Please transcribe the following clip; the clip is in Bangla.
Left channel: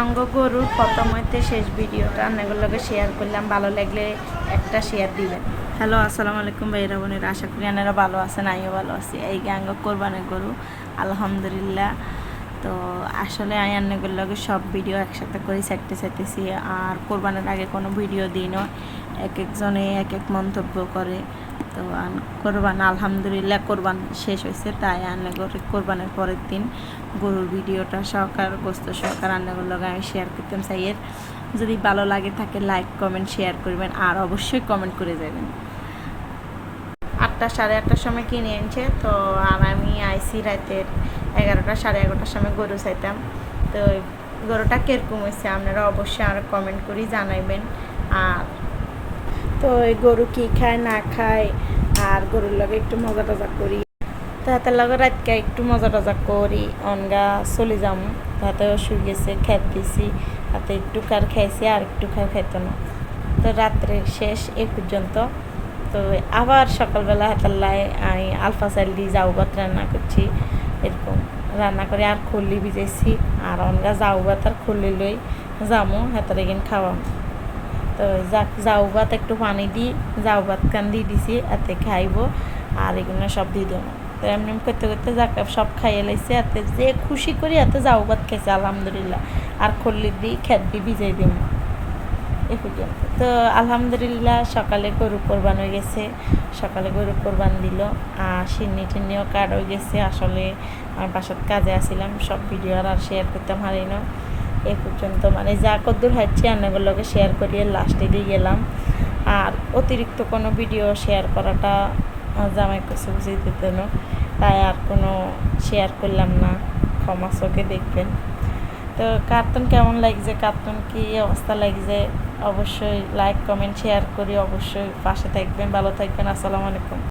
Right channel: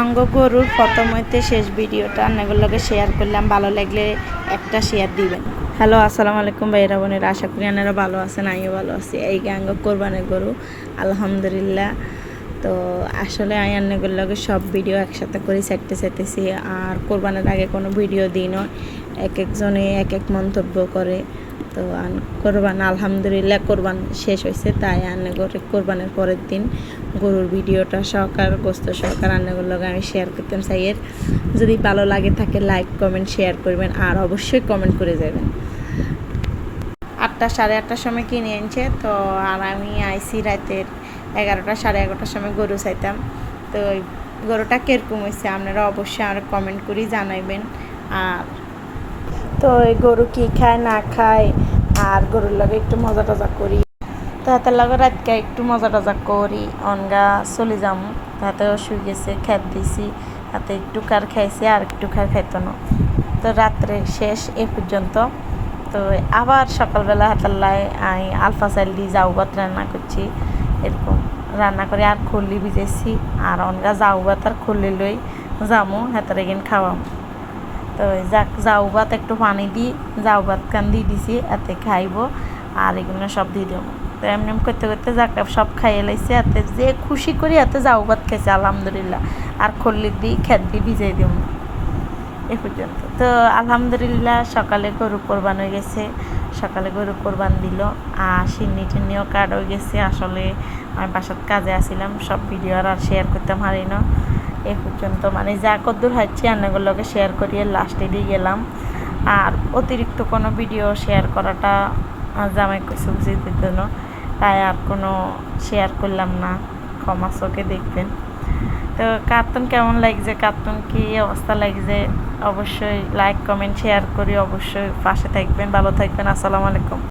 আঙ্গ গরুর প্রথম হইতে শেষ ভিডিওটা আপনাগুলোকে শেয়ার করলাম। ভালো লাগলে একটা শেয়ার দিবেন। হ্যালো আসসালামু আলাইকুম ভাইরা বোনের। আশা করি আপনারা ভালো আছেন, আমিও ভালো আছি। এই গাঙ্গ কোরবানের গরু, আলহামদুলিল্লাহ। তো আসলে আমি আন্নাগুলোকে সব ভিডিও একসাথে করে চাইতে চাইতেছি। আর কোরবানের আগে কোনো ভিডিও দিই না। এক একজনে এক এক মন্তব্য করে। তো আন- কোরবান, আলহামদুলিল্লাহ কোরবান শেষ হয়েছে, তাই আন্না করে কোরবানের পরের দিন গরুর ভিডিওটা সহকার, গোস্ত সহকার রান্নাগুলোর লগে আমি শেয়ার করতাম চাইয়ের যদি ভালো লাগে থাকে লাইক কমেন্ট শেয়ার করবেন, আর অবশ্যই কমেন্ট করে যাবেন। আটটা সাড়ে আটটার সময় কিনে এনেছে তো আর আমি আইসি রাতের এগারোটা সাড়ে এগারোটার সময় গরু চাইতাম। তো গরুটা কীরকম হয়েছে, আপনারা অবশ্যই আর কমেন্ট করি জানাইবেন। আর তো এই গরু কি খায়, না খায়, আর গরুর লগে একটু মজা টজা করি। তাহাতের লগে রাতকে একটু মজা টজা করি, অনগা চলে যাম। তাহাতেও শুয়ে গেছে, খেত দিছি, তাতে একটু কার খাইছে, আর একটু খার খাইতো না। তো রাত্রে শেষ এ পর্যন্ত। তো আবার সকালবেলা হাতাল্লায় আমি আলফা চাল দিয়ে যাও ভাত রান্না করছি, এরকম রান্না করে আর খল্লি ভিজেছি আর অনগা যাও ভাত আর খল্লি লই যামো, হাতার এগিন খাওয়াম। তো যাক, যাও ভাত, একটু পানি দিই যাও ভাত কান দিয়ে দিছি, এতে খাইব, আর এগুলো সব দিয়ে দেবো তো এমনি করতে করতে যাক, সব খাইয়ে লাইছে, এতে যে খুশি করি এতে যাও ভাত খাইছে, আলহামদুলিল্লাহ। আর খল্লি দিই খেত দিয়ে ভিজাই দিব এ পর্যন্ত। তো আলহামদুলিল্লাহ সকালে গরু কোরবান হয়ে গেছে, সকালে গরু কোরবান দিল, আর সিন্নি টিন্নিও কাট হয়ে গেছে, আসলে আমি বাসার কাজে আসছিলাম সব ভিডিও আর শেয়ার করতাম হারি না। এ পর্যন্ত। মানে যা কদ্দূর হচ্ছে রান্নাগুলোকে শেয়ার করিয়ে লাস্টে দিয়ে গেলাম। আর অতিরিক্ত কোনো ভিডিও শেয়ার করাটা জামাই কিছু বুঝিয়ে দিত না। তাই আর কোনো শেয়ার করলাম না। ক্ষমা চোখে দেখবেন। তো কার্টুন কেমন লাগছে? কার্টুন কি অবস্থা লাগছে? অবশ্যই লাইক কমেন্ট শেয়ার করি। অবশ্যই পাশে থাকবেন, ভালো থাকবেন। আসসালামু আলাইকুম।